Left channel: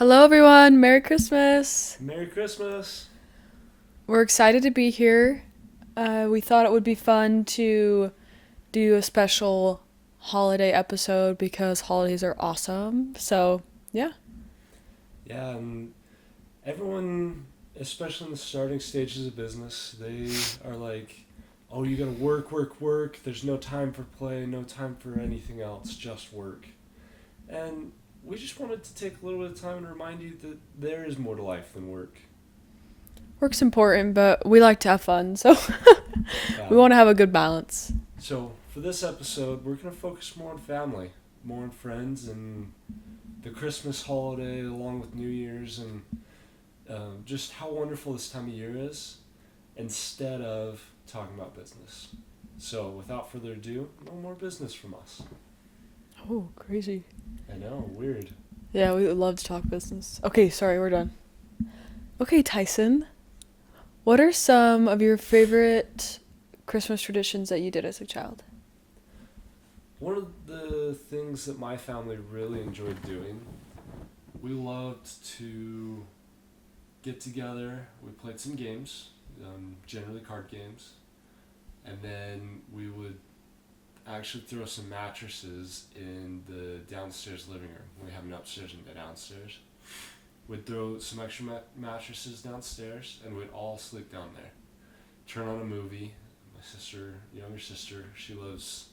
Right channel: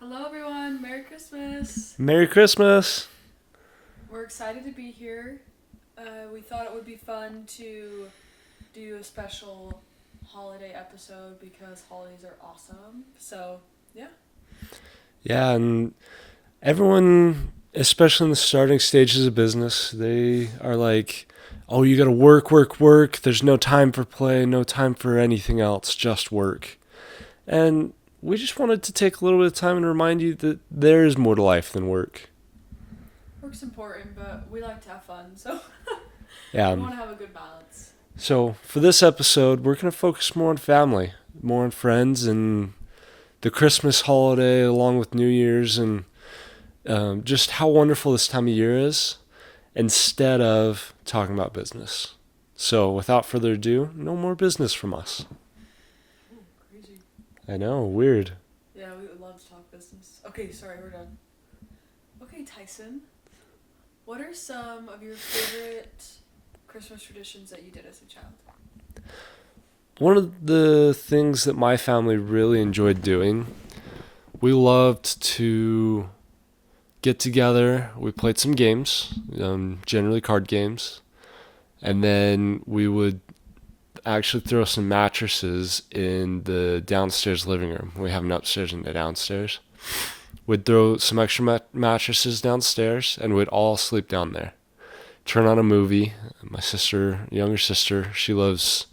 Hello, everyone. Merry Christmas. Merry Christmas. We're excited to be here. We thought it would be fun to do a special holiday episode because holidays are awesome. So, yeah. Yeah, and everyone, especially in the starting stages of business, they are like, oh, you gotta work, work, work. There's no time for play, no time for anything else, just work. And we just wanted to take a little bit of time and remind you that there is more to life than work. Work's important, but we like to have fun. So, Yeah. we want to have a good balance. So for this episode, we're gonna focus more on family, more on friends, and the Christmas holiday along with New Year's, and just how wonderful this time of year is, instead of talking about business. So without further ado, no more business from us. Oh, crazy. I know, weird. Yeah, we would love to talk business. Okay, sorry, we're done. Okay, Tyson, what are some of your favorite Christmas traditions that you did as a child? One of the things that my family really enjoyed doing, we loved to get together. We played some games, generally card games, and then we would actually throw some mattresses in the downstairs living room. We have an upstairs and a downstairs. We'd throw some extra mattresses downstairs, and we'd all sleep down there. Turn on a movie. My sister, younger sister, she loves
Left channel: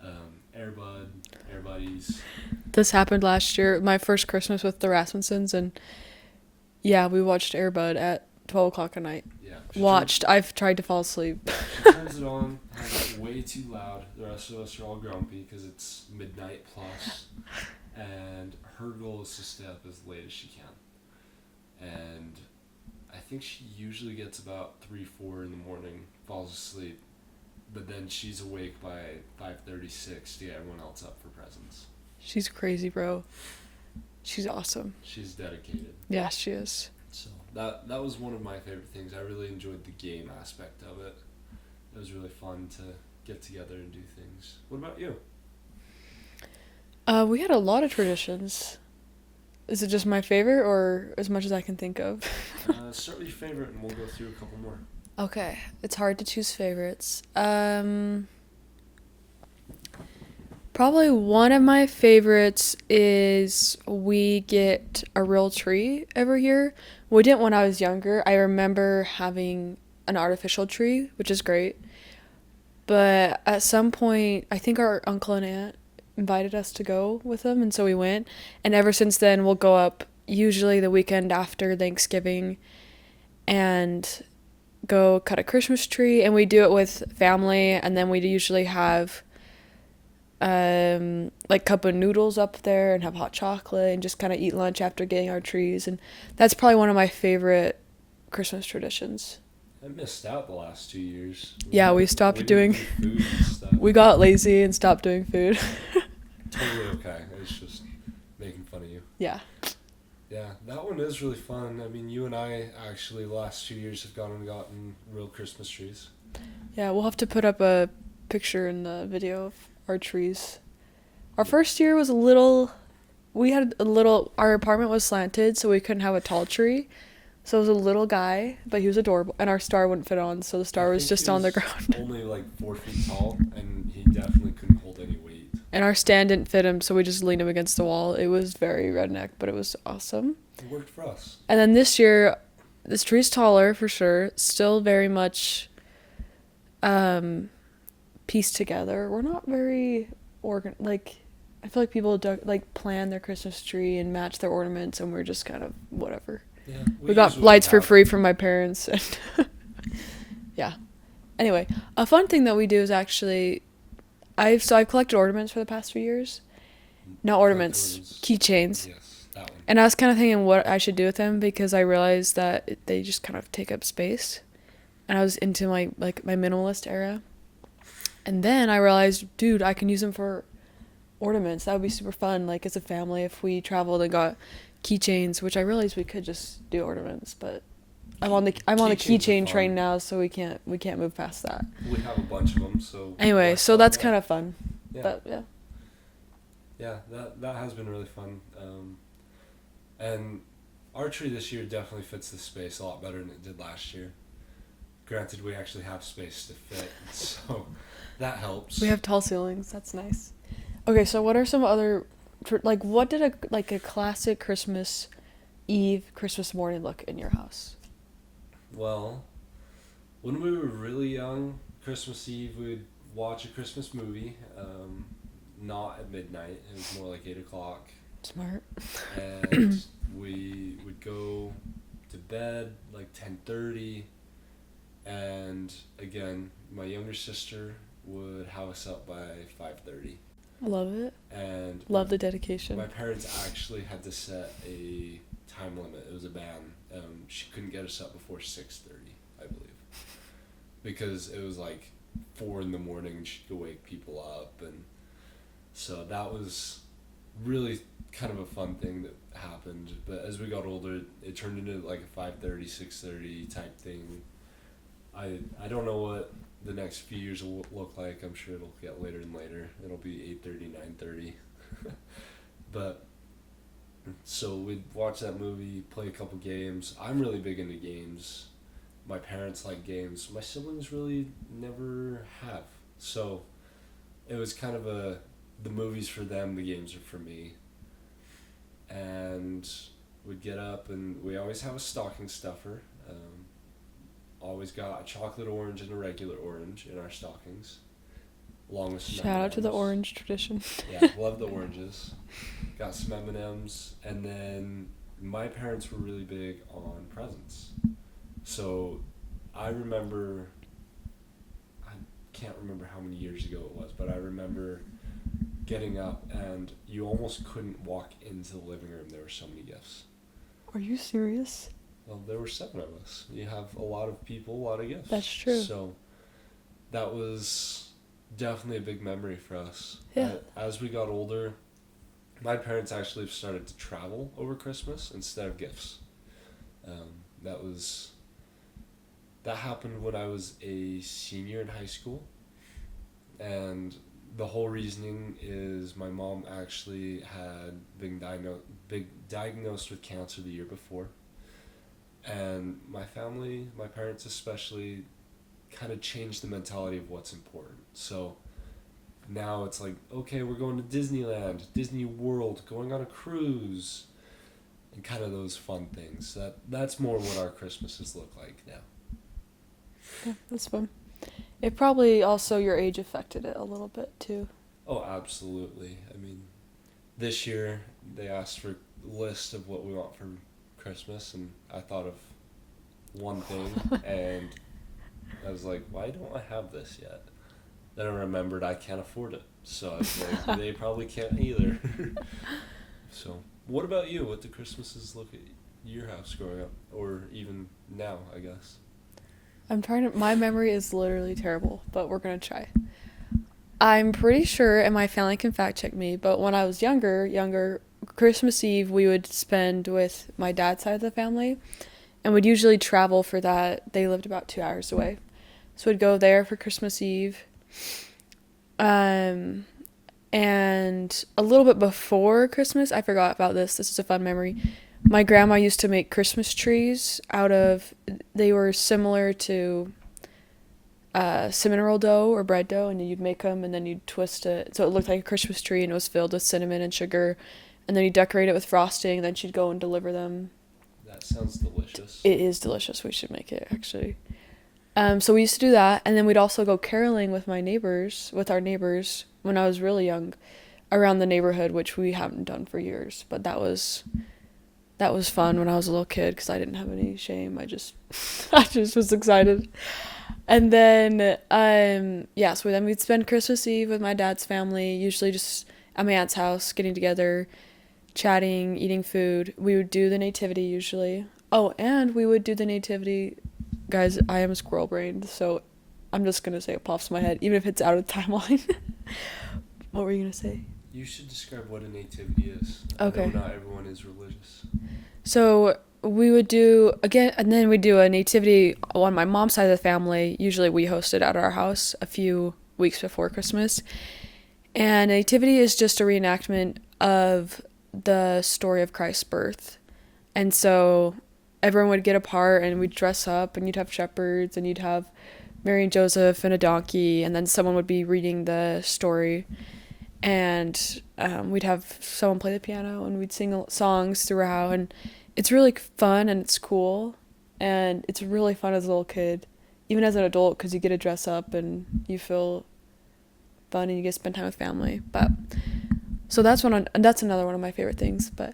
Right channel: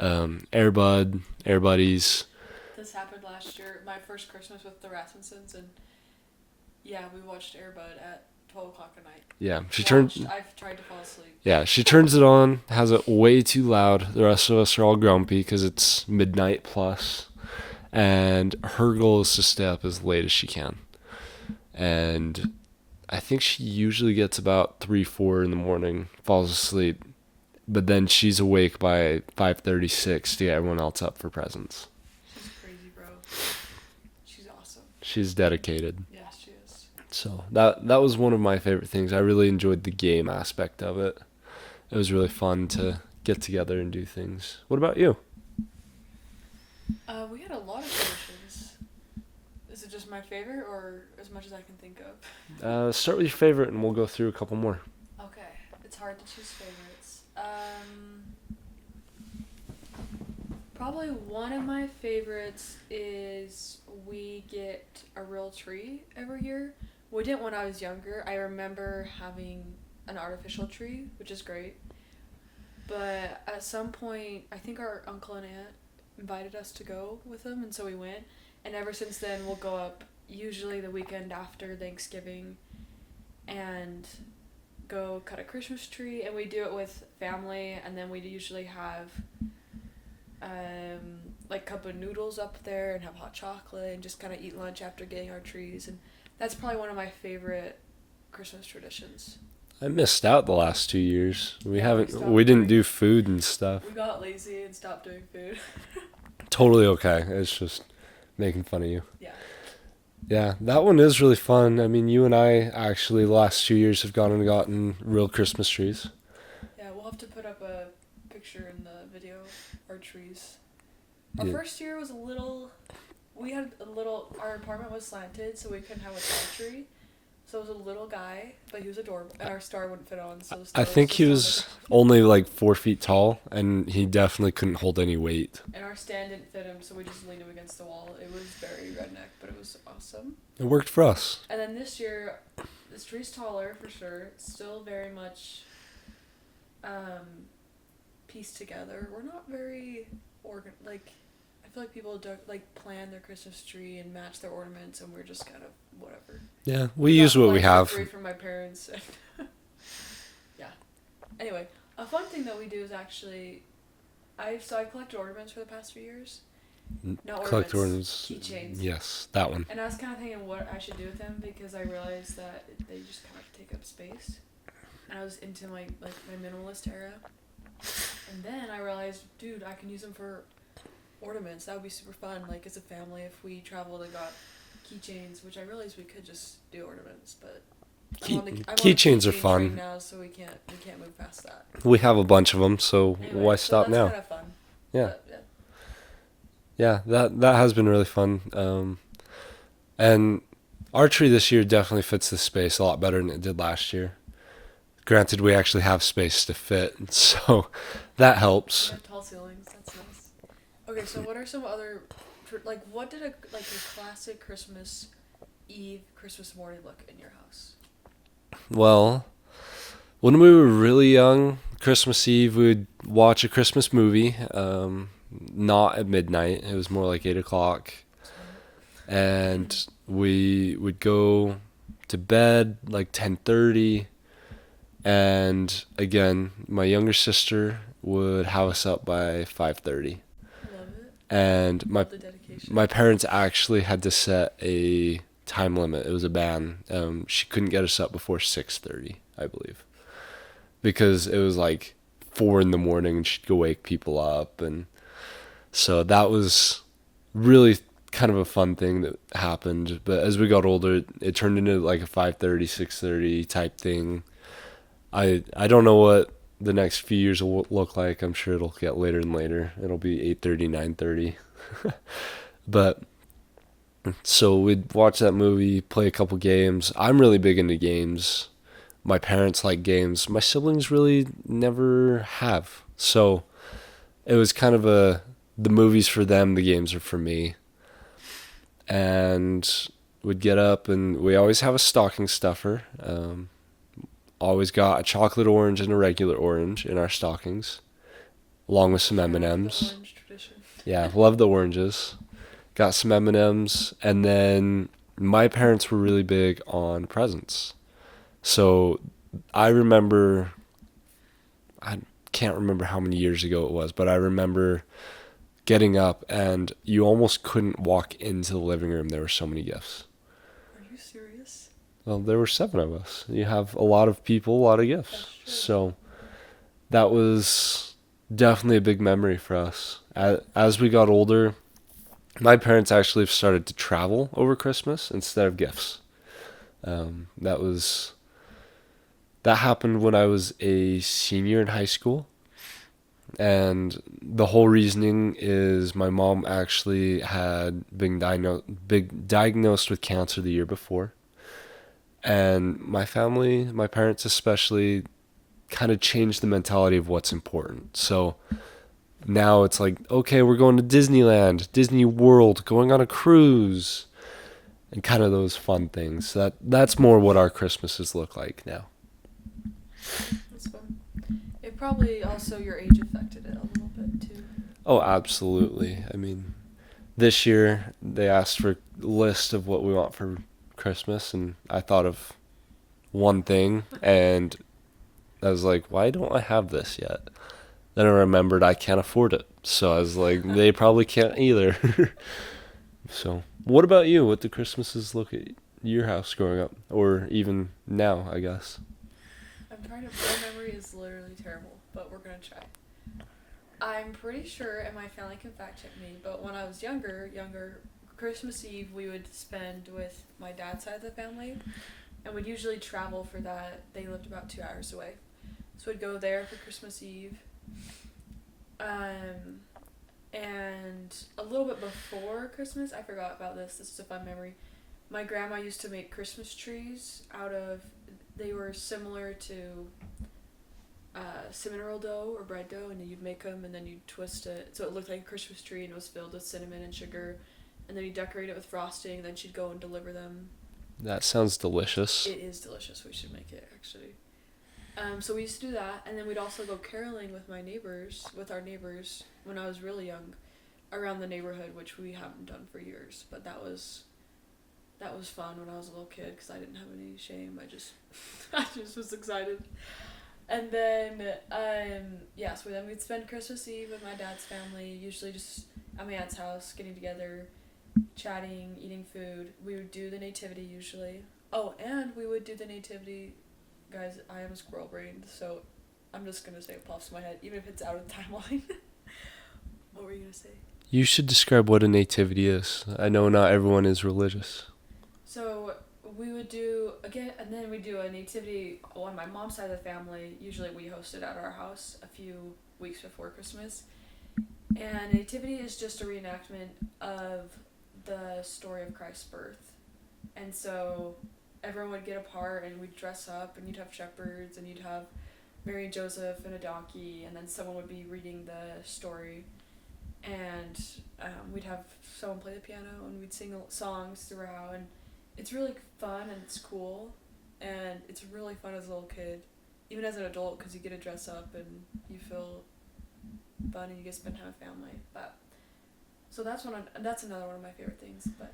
Air Buddies. This happened last year, my first Christmas with the Rasmussens, and yeah, we watched Airbud at 12 o'clock at night. Yeah, I've tried to fall asleep. Yeah, she turns it on, has it way too loud. The rest of us are all grumpy because it's midnight plus, and her goal is to stay up as late as she can. And I think she usually gets about 3, 4 in the morning, falls asleep, but then she's awake by 5:36 to get everyone else up for presents. She's crazy, bro. She's awesome. She's dedicated. Yeah, she is. So that was one of my favorite things. I really enjoyed the game aspect of it. It was really fun to get together and do things. What about you? We had a lot of traditions. Is it just my favorite or as much as I can think of? Start with your favorite and we'll go through a couple more. Okay, it's hard to choose favorites. Probably one of my favorites is we get a real tree every year. We didn't when I was younger. I remember having an artificial tree, which is great. But at some point, I think our uncle and aunt invited us to go with them, and so we went. And ever since then, we'll go up usually the weekend after Thanksgiving and go cut a Christmas tree. And we do it with family, and then we usually have like cup of noodles up there and have hot chocolate and just kind of eat lunch after getting our trees. And that's probably one of my favorite Christmas traditions. I missed out the last 2 years. We stopped We didn't doing do food and stuff. We got lazy and stopped doing food. Totally okay. It's just making fun of you. Yeah. Yeah, that one is really fun. I mean, you and I actually the last 2 years have gone and gotten real Christmas trees. Yeah, we'll have to put up a picture in the video of our trees. Our Yeah. first year was our apartment was slanted, so we couldn't have a tall tree. So it was a little guy, but he was adorable, and our star wouldn't fit on, so the star was just on the ground. Only like 4 feet tall, and he definitely couldn't hold any weight. And our stand didn't fit him, so we just leaned him against the wall. It was very redneck, but it was awesome. It worked for us. And then this year, this tree's taller for sure. Still very much pieced together. We're not very I feel like people plan their Christmas tree and match their ornaments, and we're just kind of whatever. Yeah, we got lights for free from my parents. And yeah. Anyway, a fun thing that we do is actually, I've collected ornaments for the past few years. Not ornaments, keychains. Yes, that one. And I was kind of thinking what I should do with them because I realized that they just kind of take up space. And I was into my minimalist era. And then I realized, dude, I can use them for ornaments. That would be super fun. Like as a family, if we traveled and got keychains, which I realized we could just do ornaments, but I'm on the keychain train now, so we can't move past that. We have a bunch of them, so anyway, so that's kind of fun. Yeah. But, yeah. Yeah, that has been really fun. And our tree this year definitely fits the space a lot better than it did last year. Granted, we actually have space to fit, so that We helps. have tall ceilings. That's nice. Okay, so what are some other like what did a classic Christmas Eve, Christmas morning look in your house? Well, when we were really young, Christmas Eve, we would watch a Christmas movie. Not at midnight. It was more like 8 o'clock, Smart. and we would go to bed like 10:30. And again, my younger sister would have us up by 5:30. Love it. And Love the dedication. my parents actually had to set a time limit. It was a ban. She couldn't get us up before 6:30, I believe, because it was like 4 in the morning, and she'd go wake people up, and so that was really kind of a fun thing that happened. But as we got older, it turned into like a 5:30, 6:30 type thing. I don't know what the next few years will look like. I'm sure it'll get later and later. It'll be 8:30, 9:30. But so we'd watch that movie, play a couple games. I'm really big into games. My parents like games. My siblings really never have. So it was kind of the movies for them, the games are for me. And we'd get up, and we always have a stocking stuffer. Always got a chocolate orange and a regular orange in our stockings, along with some Shout out to the M&Ms. orange tradition. Yeah, love the oranges. Got some M&Ms, and then my parents were really big on presents. So I remember, I can't remember how many years ago it was, but I remember getting up, and you almost couldn't walk into the living room. There were so many gifts. Are you serious? Well, there were 7 of us. You have a lot of people, a lot of gifts. That's true. So that was definitely a big memory for us. Yeah. As we got older, my parents actually started to travel over Christmas instead of gifts. That was that happened when I was a senior in high school, and the whole reasoning is my mom actually had been diagnosed with cancer the year before, and my family, my parents especially, kind of changed the mentality of what's important. So now it's like, okay, we're going to Disneyland, Disney World, going on a cruise, and kind of those fun things. That's more what our Christmases look like now. Yeah, that's fun. It probably also your age affected it a little bit too. Oh, absolutely. I mean, this year they asked for a list of what we want for Christmas, and I thought of one thing, and I was like, why don't I have this yet? Then I remembered I can't afford it. So I was like, they probably can't either. So, what about you? What do Christmases look at your house growing up? Or even now, I guess. I'm trying to. My memory is literally terrible, but we're gonna try. I'm pretty sure, and my family can fact check me, but when I was younger, Christmas Eve we would spend with my dad's side of the family, and we'd usually travel for that. They lived about 2 hours away, so we'd go there for Christmas Eve. Um, and a little bit before Christmas, I forgot about this. This is a fun memory. My grandma used to make Christmas trees out of. They were similar to cinnamon roll dough or bread dough, and you'd make them and then you'd twist it so it looked like a Christmas tree, and it was filled with cinnamon and sugar, and then you decorate it with frosting, and then she'd go and deliver them. That sounds delicious. It is delicious. We should make it actually. So we used to do that, and then we'd also go caroling with our neighbors, when I was really young, around the neighborhood, which we haven't done for years. But that was fun when I was a little kid because I didn't have any shame. I just I just was excited. And then yeah, so then we'd spend Christmas Eve with my dad's family, usually just at my aunt's house, getting together, chatting, eating food. We would do the nativity usually. Oh, and we would do the nativity. Guys, I am squirrel brained, so I'm just gonna say it pops in my head, even if it's out of the timeline. What were you gonna say? You should describe what a nativity is. I know Okay. not everyone is religious. So we would do again, and then we'd do a nativity on my mom's side of the family. Usually we host it at our house a few weeks before Christmas. And nativity is just a reenactment of the story of Christ's birth. And so everyone would get apart and we'd dress up and you'd have shepherds and you'd have Mary and Joseph and a donkey, and then someone would be reading the story, and we'd have someone play the piano and we'd sing songs throughout, and it's really fun and it's cool, and it's really fun as a little kid, even as an adult, because you get to dress up and you feel fun and you get to spend time with family. But so that's another one of my favorite things. But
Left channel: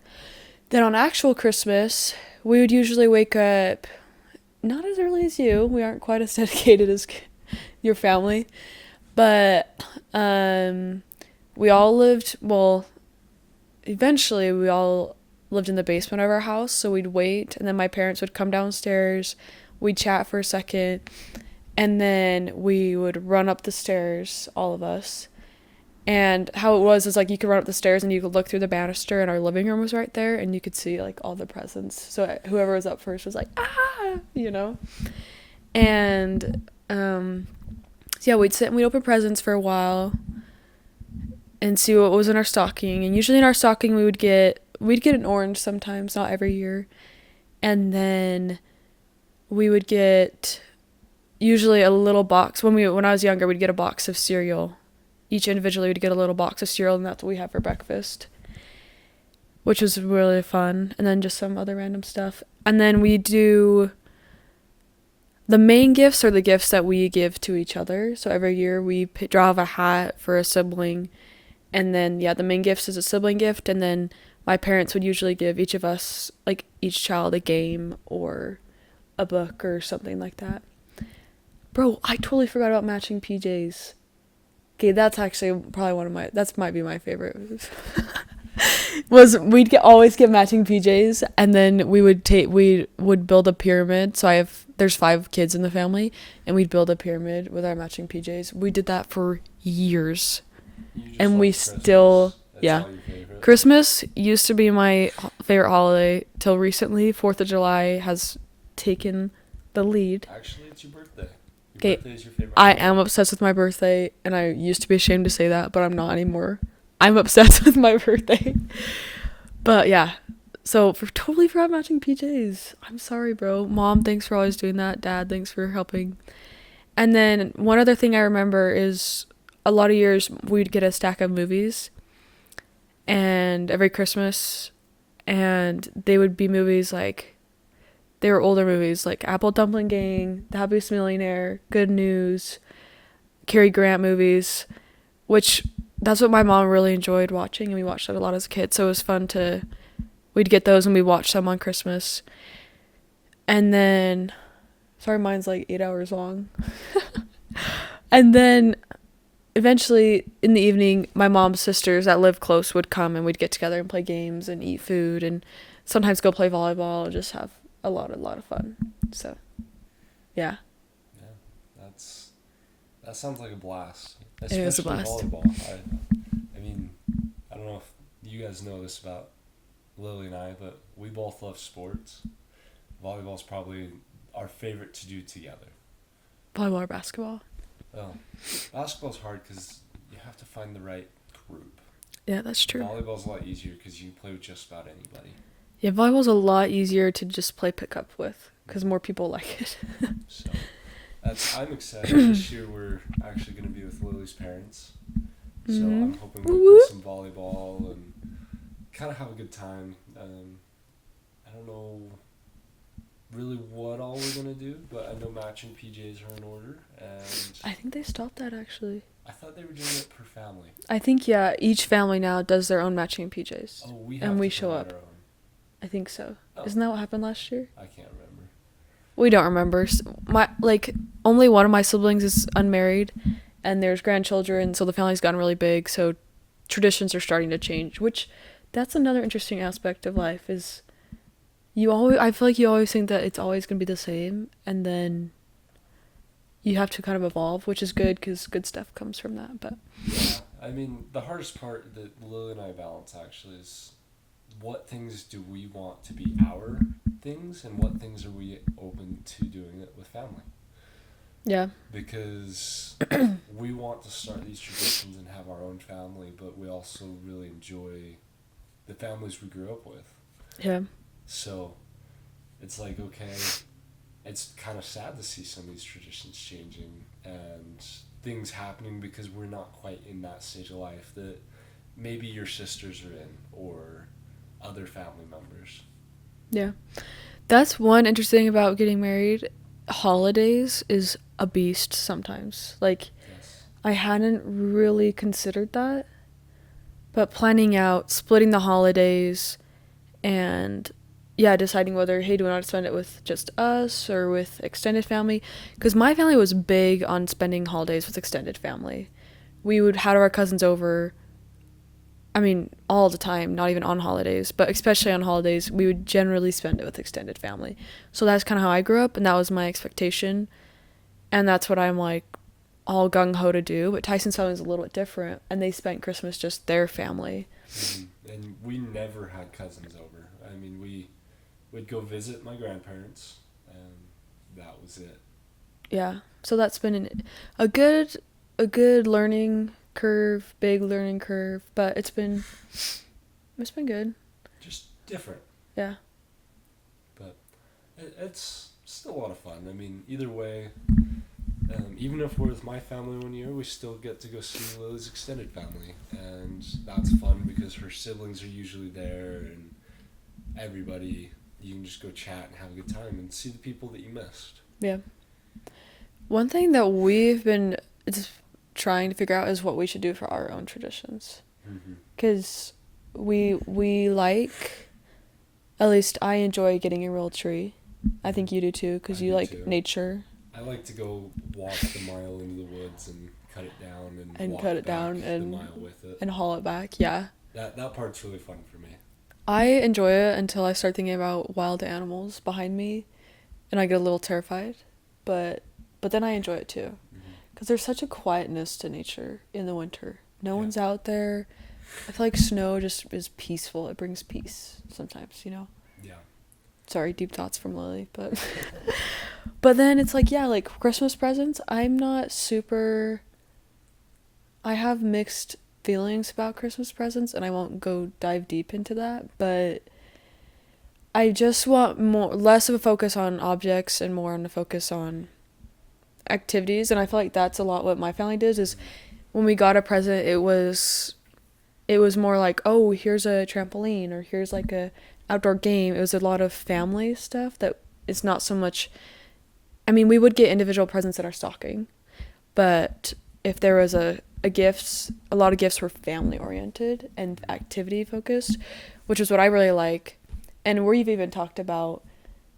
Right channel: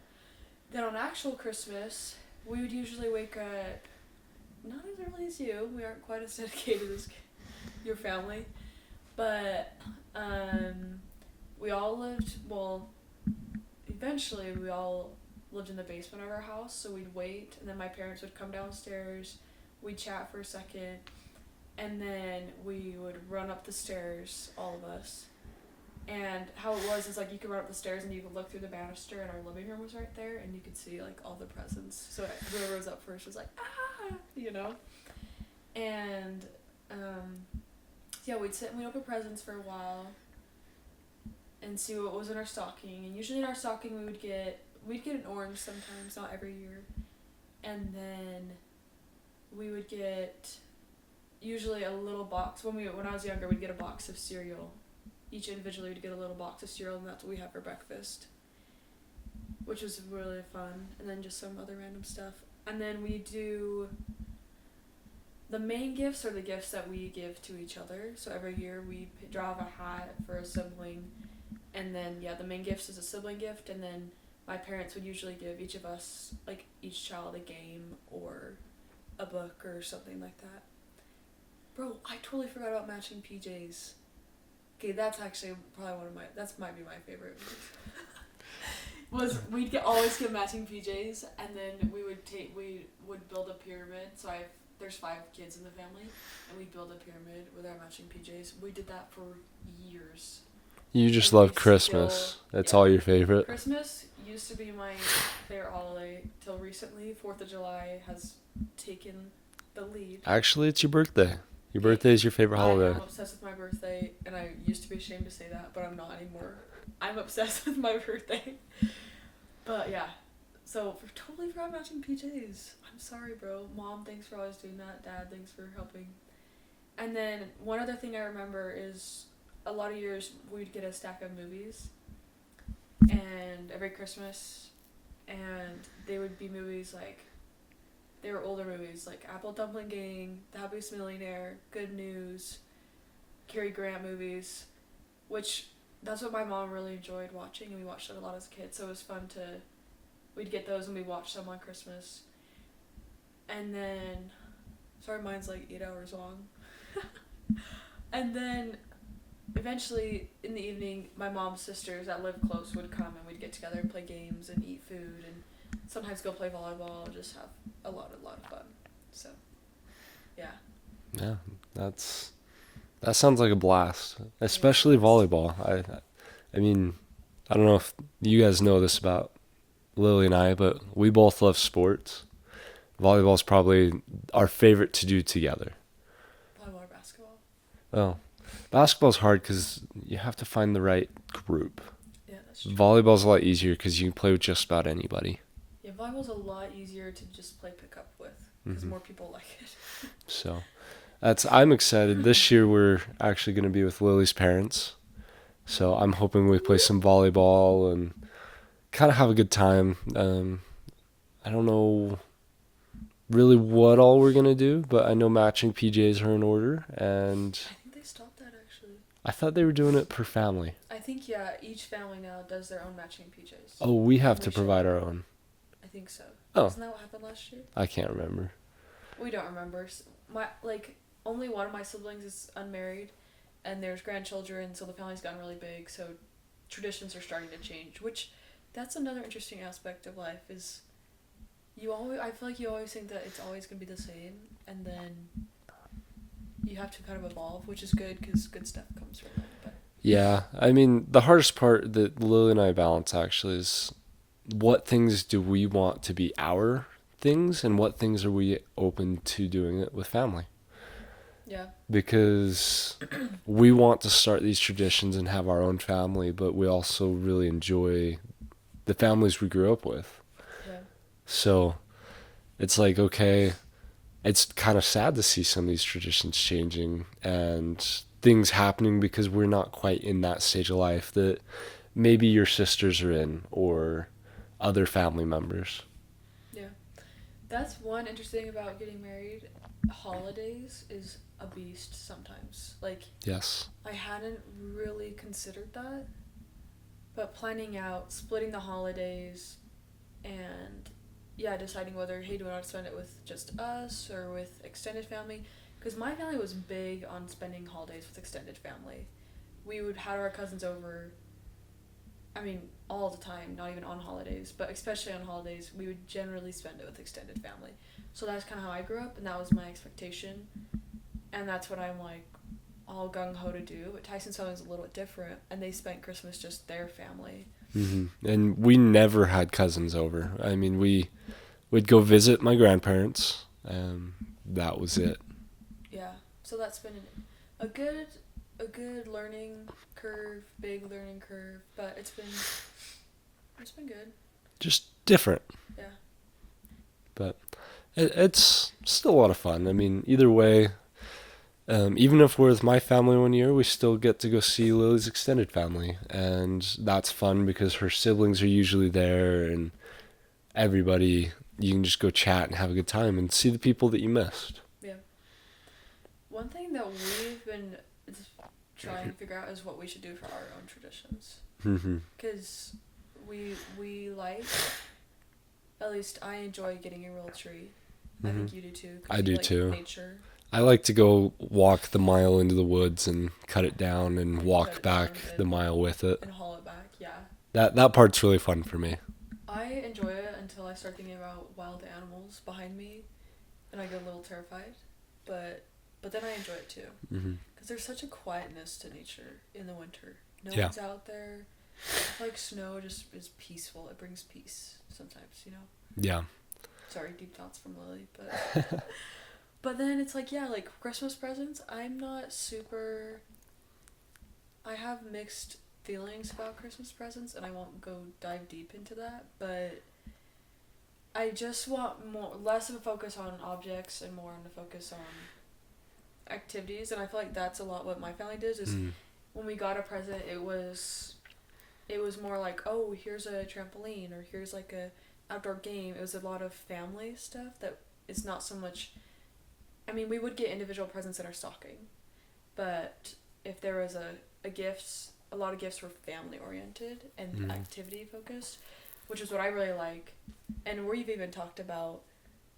then on actual Christmas, we would usually wake up not as early as you. We aren't quite as dedicated as your family, but we all lived, well, eventually we all lived in the basement of our house, so we'd wait, and then my parents would come downstairs, we'd chat for a second, and then we would run up the stairs, all of us. And how it was is like you could run up the stairs and you could look through the banister, and our living room was right there, and you could see like all the presents. So whoever was up first was like, you know? And so yeah, we'd sit and we'd open presents for a while and see what was in our stocking. And usually in our stocking we'd get an orange sometimes, not every year. And then we would get usually a little box. When I was younger, we'd get a box of cereal. Each individually would get a little box of cereal, and that's what we have for breakfast, which was really fun. And then just some other random stuff. And then we do, the main gifts are the gifts that we give to each other. So every year we draw a hat for a sibling. And then, yeah, the main gift is a sibling gift. And then my parents would usually give each of us, like each child, a game or a book or something like that. Bro, I totally forgot about matching PJs. Okay, that's actually probably might be my favorite. Always get matching PJs, and then we would build a pyramid. So there's 5 kids in the family, and we'd build a pyramid with our matching PJs. We did that for years. You just love Christmas. That's all your favorite. Christmas used to be my favorite holiday till recently. 4th of July has taken the lead. Actually, it's your birthday. Your birthday is your favorite holiday. I am obsessed with my birthday, and I used to be ashamed to say that, but I'm not anymore. I'm obsessed with my birthday. But yeah, so totally forgot matching PJs. I'm sorry, bro. Mom, thanks for always doing that. Dad, thanks for helping. And then one other thing I remember is a lot of years we'd get a stack of movies, and every Christmas, and they would be movies like, they were older movies like Apple Dumpling Gang, The Happiest Millionaire, Good News, Cary Grant movies, which that's what my mom really enjoyed watching, and we watched that a lot as a kid. So it was fun we'd get those and we watched them on Christmas. And then, sorry, mine's like 8 hours long. And then eventually in the evening, my mom's sisters that live close would come, and we'd get together and play games and eat food and sometimes go play volleyball and just have a lot of fun. So yeah, that sounds like a blast, especially volleyball. I mean, I don't know if you guys know this about Lily and I, but we both love sports. Volleyball is probably our favorite to do together. Volleyball or basketball? Oh, basketball's hard because you have to find the right group. Yeah, that's true. Volleyball's a lot easier because you can play with just about anybody. Yeah, volleyball's a lot easier to just play pickup with because more people like it. So, I'm excited. This year we're actually going to be with Lily's parents. So I'm hoping we play some volleyball and kind of have a good time. I don't know really what all we're going to do, but I know matching PJs are in order. And I think they stopped that actually. I thought they were doing it per family. I think, yeah, each family now does their own matching PJs. Oh, we have to provide our own. I think so. Oh. Isn't that what happened last year? I can't remember. We don't remember. Only one of my siblings is unmarried, and there's grandchildren, so the family's gotten really big, so traditions are starting to change, which that's another interesting aspect of life is I feel like you always think that it's always going to be the same, and then you have to kind of evolve, which is good because good stuff comes from that. But yeah, I mean, the hardest part that Lily and I balance actually is what things do we want to be our things and what things are we open to doing it with family. Yeah. Because we want to start these traditions and have our own family, but we also really enjoy the families we grew up with. Yeah. So it's like, okay, it's kind of sad to see some of these traditions changing and things happening because we're not quite in that stage of life that maybe your sisters are in or other family members. Yeah. That's one interesting thing about getting married. Holidays is a beast sometimes. Like, Yes. I hadn't really considered that, but planning out, splitting the holidays, and yeah, deciding whether, hey, do we want to spend it with just us or with extended family? Because my family was big on spending holidays with extended family. We would have our cousins over. I mean, all the time, not even on holidays, but especially on holidays, we would generally spend it with extended family. So that's kind of how I grew up, and that was my expectation. And that's what I'm like all gung ho to do. But Tyson's family is a little bit different, and they spent Christmas just their family. And we never had cousins over. I mean, we'd go visit my grandparents, and that was it. Yeah. So that's been a good a good learning curve, big learning curve, but it's been good. Just different, Yeah. but it's still a lot of fun. I mean, either way, even if we're with my family one year, we still get to go see Lily's extended family, and that's fun because her siblings are usually there, and everybody, you can just go chat and have a good time and see the people that you missed. Yeah. One thing that we've been it's trying to figure out is what we should do for our own traditions. Mm-hmm. Cuz we like, at least I enjoy getting a real tree. I think you do too, I cuz you do like too. nature I like to go walk the mile into the woods and cut it down and and walk cut it back down the mile with it. and haul it back. Yeah. That part's really fun for me. I enjoy it until I start thinking about wild animals behind me and I get a little terrified. But then I enjoy it too. Mm-hmm. Because there's such a quietness to nature in the winter. No Yeah. one's out there. I feel like snow just is peaceful. It brings peace sometimes, you know? Yeah. Sorry, deep thoughts from Lily, but but then it's like, yeah, like Christmas presents, I'm not super I have mixed feelings about Christmas presents and I won't go dive deep into that, but I just want more less of a focus on objects and more on a focus on activities, and I feel like that's a lot what my family does is when we got a present it was more like, oh, here's a trampoline or here's like a outdoor game. It was a lot of family stuff that it's not so much. I mean, we would get individual presents in our stocking, but if there was a gifts, a lot of gifts were family oriented and activity focused, which is what I really like. And we've even talked about,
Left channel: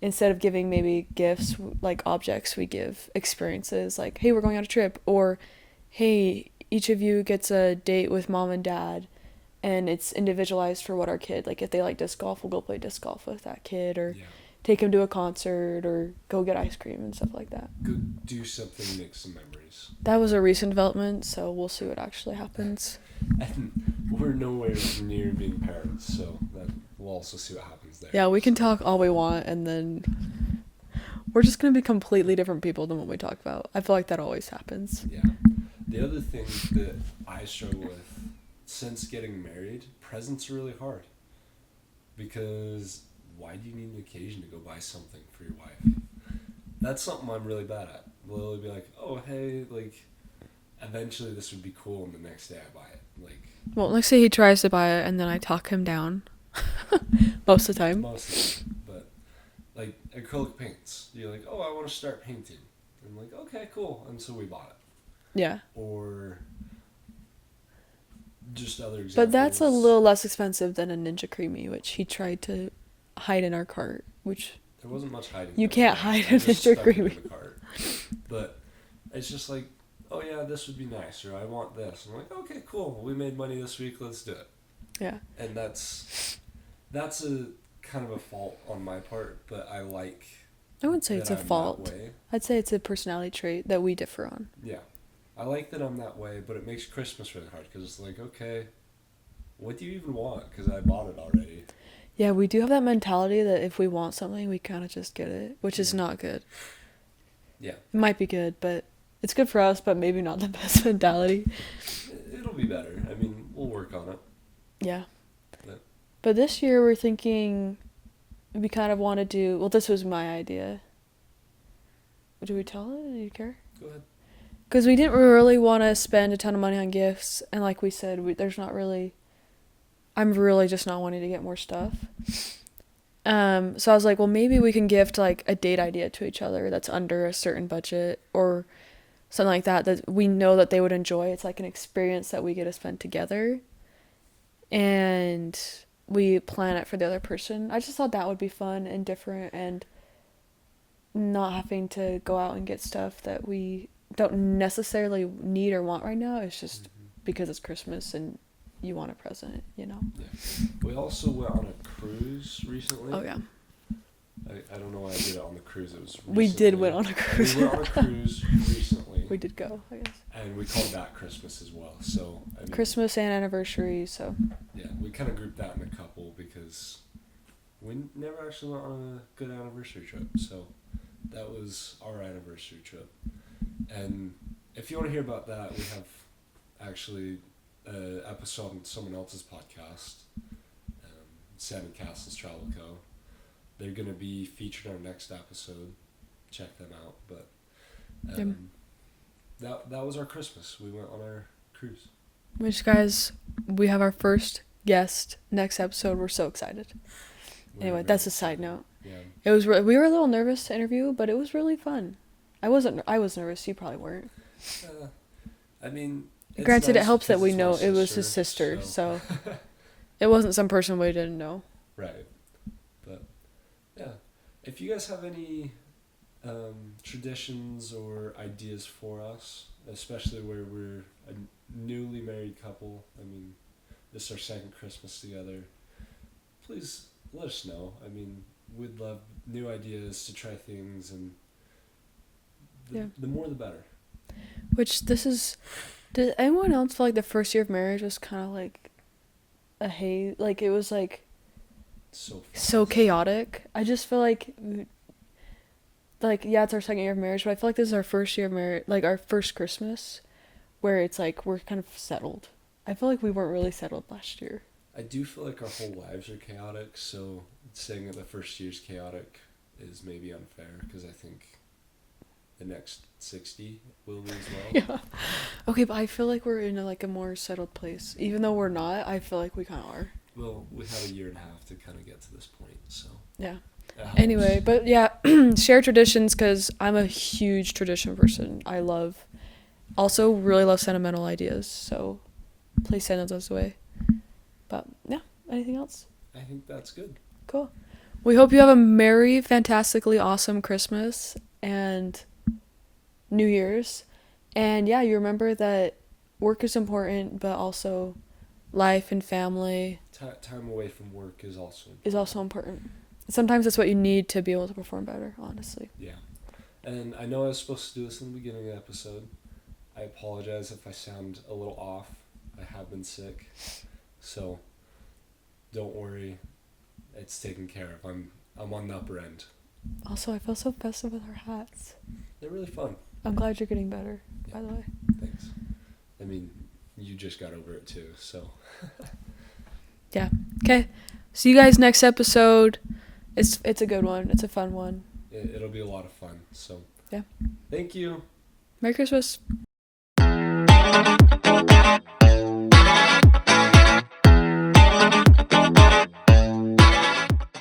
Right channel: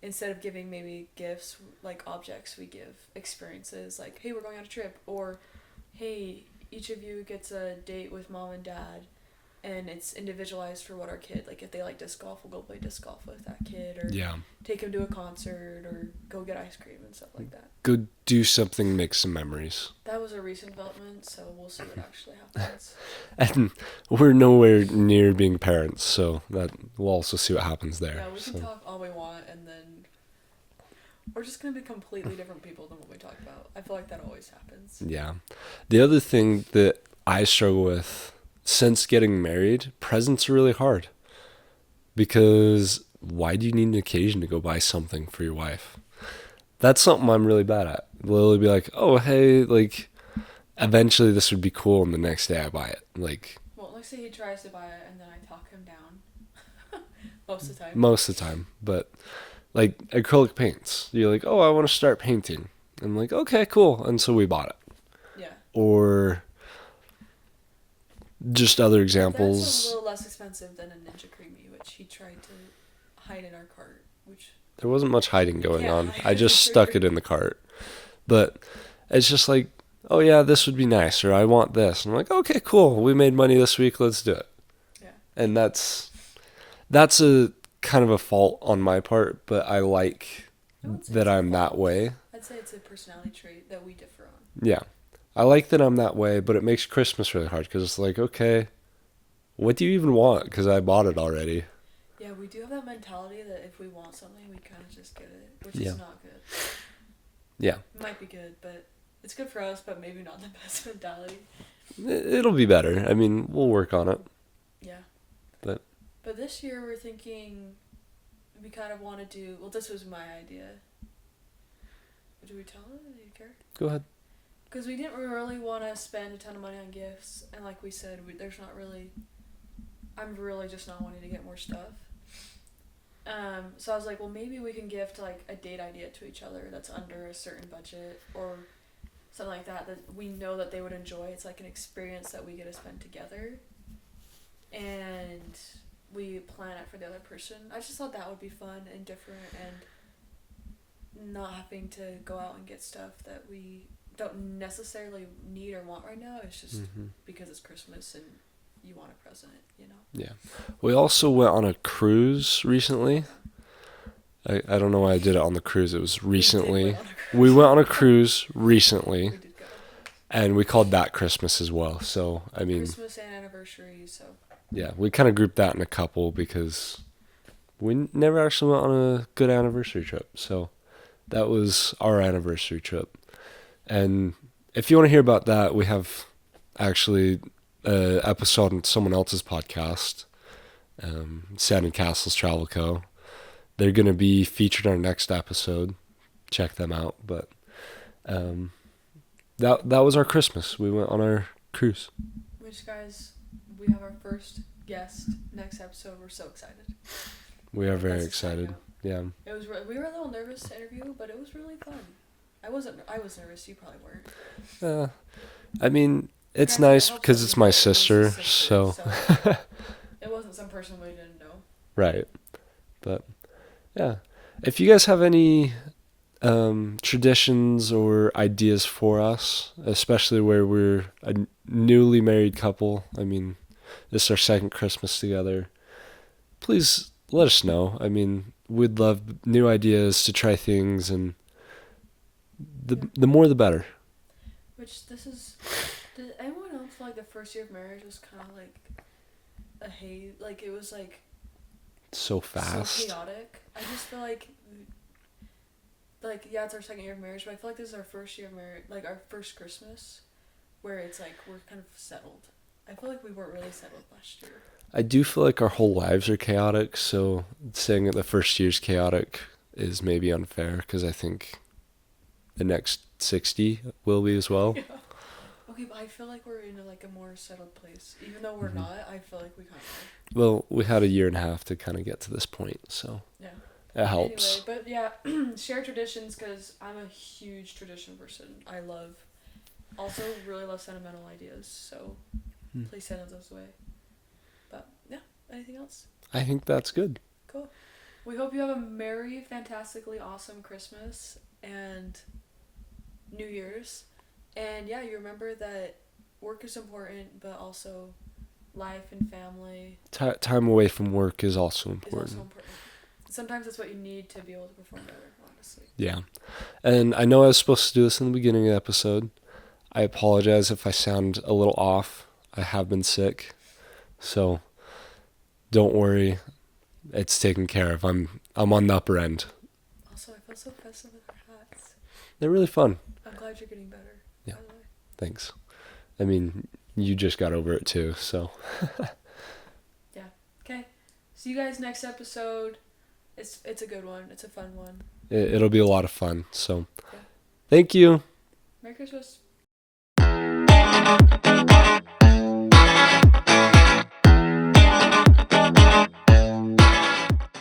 instead of giving maybe gifts like objects, we give experiences like, hey, we're going on a trip, or hey, each of you gets a date with mom and dad, and it's individualized for what our kid, like if they like disc golf, we'll go play disc golf with that kid, or Yeah. take him to a concert or go get ice cream and stuff like that. Go do something, make some memories. That was a recent development, so we'll see what actually happens. And we're nowhere near being parents, so that we'll also see what happens there. Yeah, we can So, talk all we want, and then we're just going to be completely different people than what we talk about. I feel like that always happens. yeah. The other thing that I struggle with since getting married, presents are really hard. Because why do you need an occasion to go buy something for your wife? That's something I'm really bad at. Lily be like, oh, hey, like, eventually this would be cool, and the next day I buy it. Like, Well, let's say he tries to buy it, and then I talk him down. Most of the time. most of the time. But, like, acrylic paints. You're like, oh, I want to start painting. I'm like, okay, cool. And so we bought it. Yeah. Or just other But examples. that's a little less expensive than a Ninja Creamy, which he tried to hide in our cart, which... There wasn't much hiding You going can't on. hide I just Ninja stuck it Creamy. in the cart. But it's just like, oh yeah, this would be nice, or I want this. And I'm like, okay, cool. We made money this week. Let's do it. Yeah. And that's a kind of a fault on my part, but I like I wouldn't say that it's a I'm fault. that way. I'd say it's a personality trait that we differ on. Yeah. I like that I'm that way, but it makes Christmas really hard because it's like, okay, what do you even want? Because I bought it already. Yeah, we do have that mentality that if we want something, we kind of just get it, which is Yeah. not good. Yeah. It might be good, but it's good for us, but maybe not the best mentality. It'll be better. I mean, we'll work on it. Yeah. But But this year we're thinking we kind of want to do. Well, this was my idea. Do we tell it? Do you care? Go ahead. Because we didn't really want to spend a ton of money on gifts, and like we said, there's not really. I'm really just not wanting to get more stuff. So I was like, well, maybe we can gift like a date idea to each other that's under a certain budget or something like that we know that they would enjoy. It's like an experience that we get to spend together, and we plan it for the other person. I just thought that would be fun and different, and not having to go out and get stuff that we don't necessarily need or want right now. It's just because it's Christmas and you want a present, you know? Yeah. We also went on a cruise recently. Oh, yeah. I don't know why I did it on the cruise. It was recently. We did went on a cruise. We went on a cruise recently. We did go. And we called that Christmas as well. So, I mean. Christmas and anniversary, so. Yeah, we kind of grouped that in a couple because we never actually went on a good anniversary trip. So, that was our anniversary trip. And if you want to hear about that, we have actually an episode on someone else's podcast, Sand and Castles Travel Co. They're going to be featured on our next episode. Check them out. But that was our Christmas. We went on our cruise. Which, guys, we have our first guest next episode. We're so excited. We are very that's excited. A side note. Yeah. It was. We were a little nervous to interview, but it was really fun. I was nervous. You probably weren't. I mean, it's Granted, nice it because it's my sister. It was his sister, so it wasn't some person we didn't know. Right. But yeah, if you guys have any traditions or ideas for us, especially where we're a newly married couple, I mean, this is our second Christmas together, please let us know. I mean, we'd love new ideas to try things, and the more the better. Which did anyone else feel like the first year of marriage was kind of like a haze? Like, it was like so fast, so chaotic. I just feel like yeah, it's our second year of marriage, but I feel like this is our first year of marriage, like our first Christmas, where it's like we're kind of settled. I feel like we weren't really settled last year. I do feel like our whole lives are chaotic, so saying that the first year's chaotic is maybe unfair, because I think the next 60 will be as well. Yeah. Okay, but I feel like we're in a more settled place. Even though we're not, I feel like we kind of are. Well, we had a year and a half to kind of get to this point, so yeah. It helps. Anyway, but yeah, share traditions, because I'm a huge tradition person. Also really love sentimental ideas, so please send those away. But yeah, anything else? I think that's good. Cool. We hope you have a merry, fantastically awesome Christmas and New Year's. And yeah, you remember that work is important, but also life and family. Time away from work is also important. Sometimes that's what you need to be able to perform better, honestly. Yeah. And I know I was supposed to do this in the beginning of the episode. I apologize if I sound a little off. I have been sick. So don't worry. It's taken care of. I'm on the upper end. Also, I feel so festive with our hats. They're really fun. I'm glad you're getting better, by the way. Thanks. I mean, you just got over it too, so. Yeah. Okay. See you guys next episode. It's a good one. It's a fun one. It'll be a lot of fun. So, yeah. Thank you. Merry Christmas.